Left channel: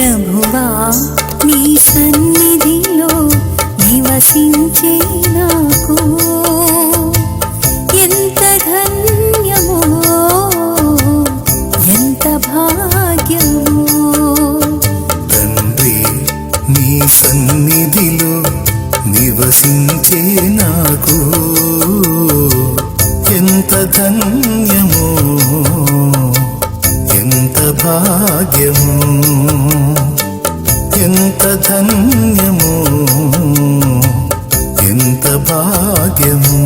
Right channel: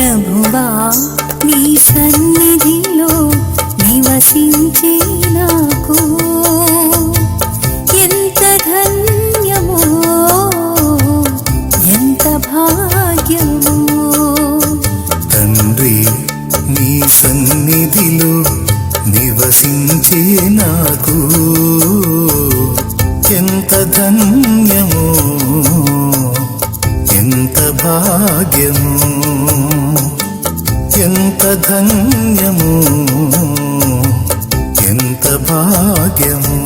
ప్రభువా నీ సన్నిధిలో నివసించే నాకు ఎంత ధన్యమో ఎంత భాగ్యమో. తండ్రి నీ సన్నిధిలో నివసించే నాకు ఎంత ధన్యమో ఎంత భాగ్యమో. ఎంత ధన్యమో ఎంత భాగ్యమో.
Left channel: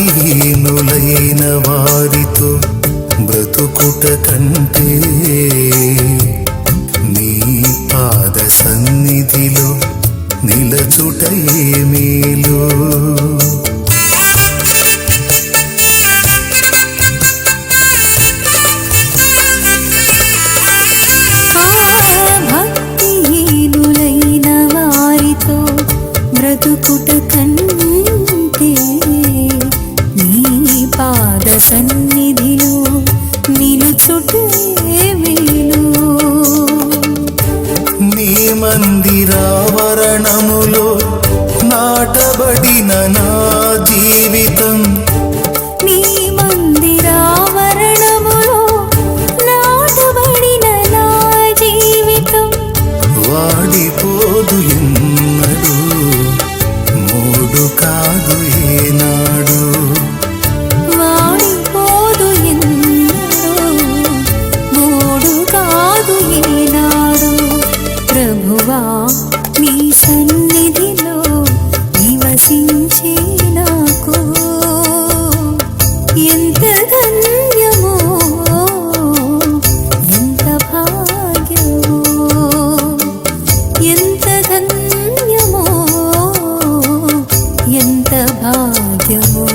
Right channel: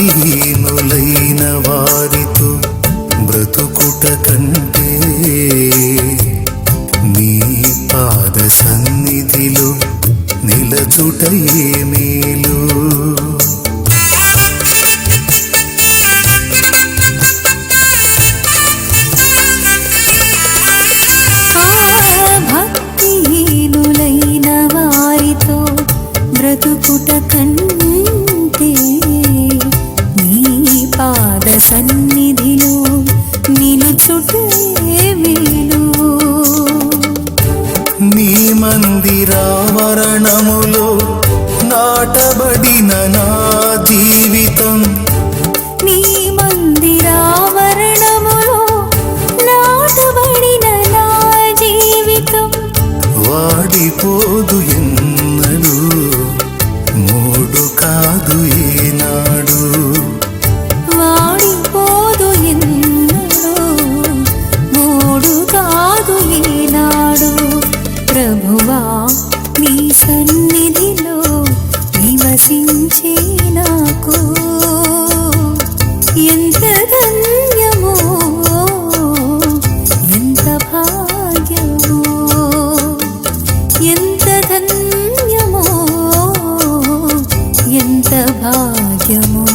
భక్తిహీనులైన వారితో బ్రతుకుట కంటే నీ పాద సన్నిధిలో నిలచుటయే మేలు. భక్తిహీనులైన వారితో బ్రతుకుట కంటే నీ పాద సన్నిధిలో నిలుచుటే మేలు. నీ మందిరావరణములో నాటబడిన నా జీవితం నీ మందిరావరణములో నాటబడిన నా జీవితం వాడిపోదు ఎన్నడు మూడు కాదు ఏనాడు. వాడిపోదు ఎన్నడు మూడు కాదు ఏనాడు. ప్రభువా నీ సన్నిధిలో నివసించే నాకు ఎంత ధన్యమో ఎంత భాగ్యమో. ఎంత ధన్యమో ఎంత భాగ్యమో.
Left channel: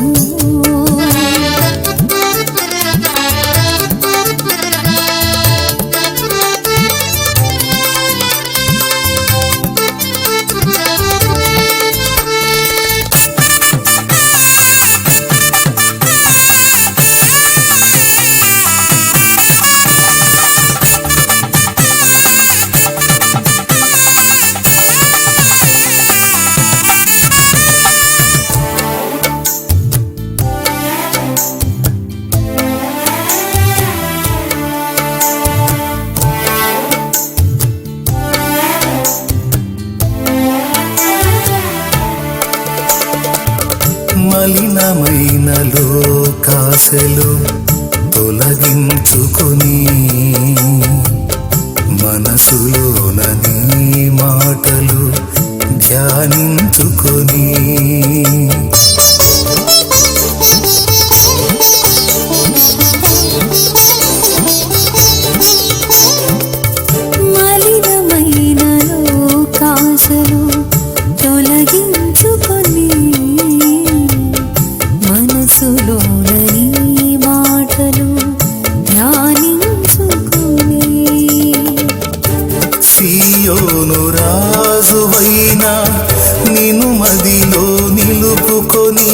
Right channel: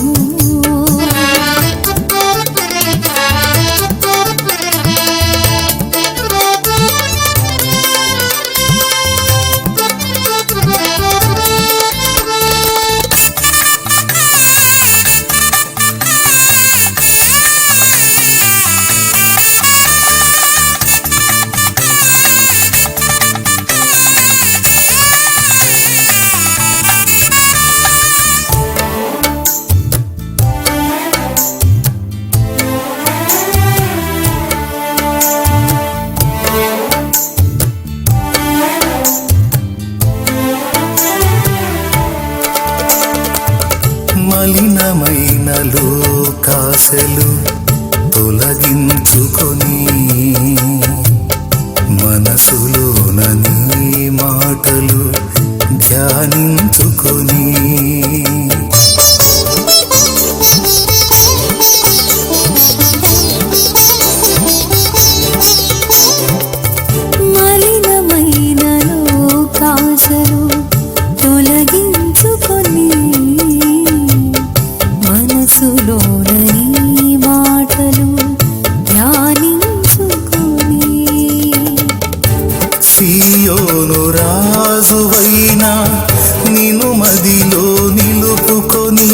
మలినమైన లోకాశలు తొలగించుకొని మనసులోన నీ మాటలు ధ్యానించుకొని మలినమైన లోకాశలు తొలగించుకొని మనసులోని మాటలు ధ్యానించుకొని సియోను రాజువైనా నిన్ను మదిలో నిలుపుకొని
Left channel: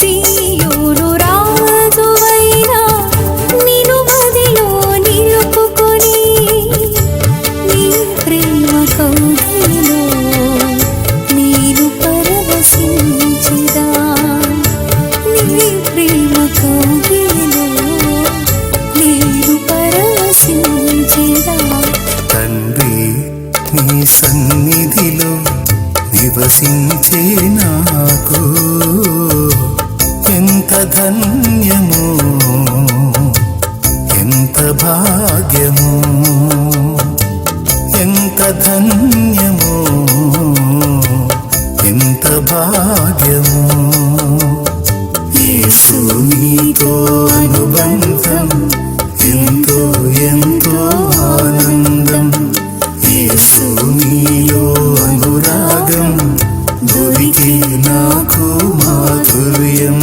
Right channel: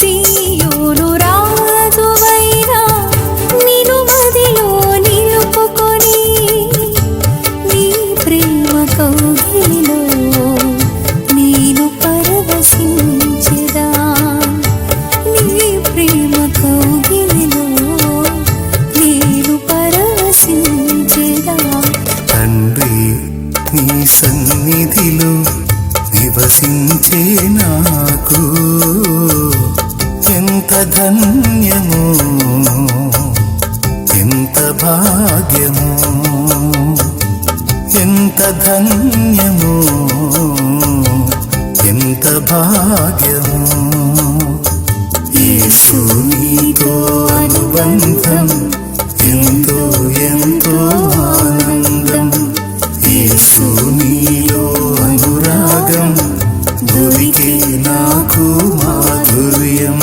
సియోను రాజువైనా నిన్ను మదిలో నిలుపుకొని నీ ప్రేమ కౌగిలిలో నేను పరవశించెదా. నీ ప్రేమ కౌగిలిలో నేను పరవశించెదా. తండ్రి నీ సన్నిధిలో నివసించే నాకు ఎంత ధన్యము, ఎంత భాగ్యము, ఎంత ధన్యము, ఎంత భాగ్యము. యేసు నీతో అనుబంధం ఎంతో ఎంతో ఆనందం. యేసు నీలో అనురాగం దొరికే నాకు మాధుర్యం.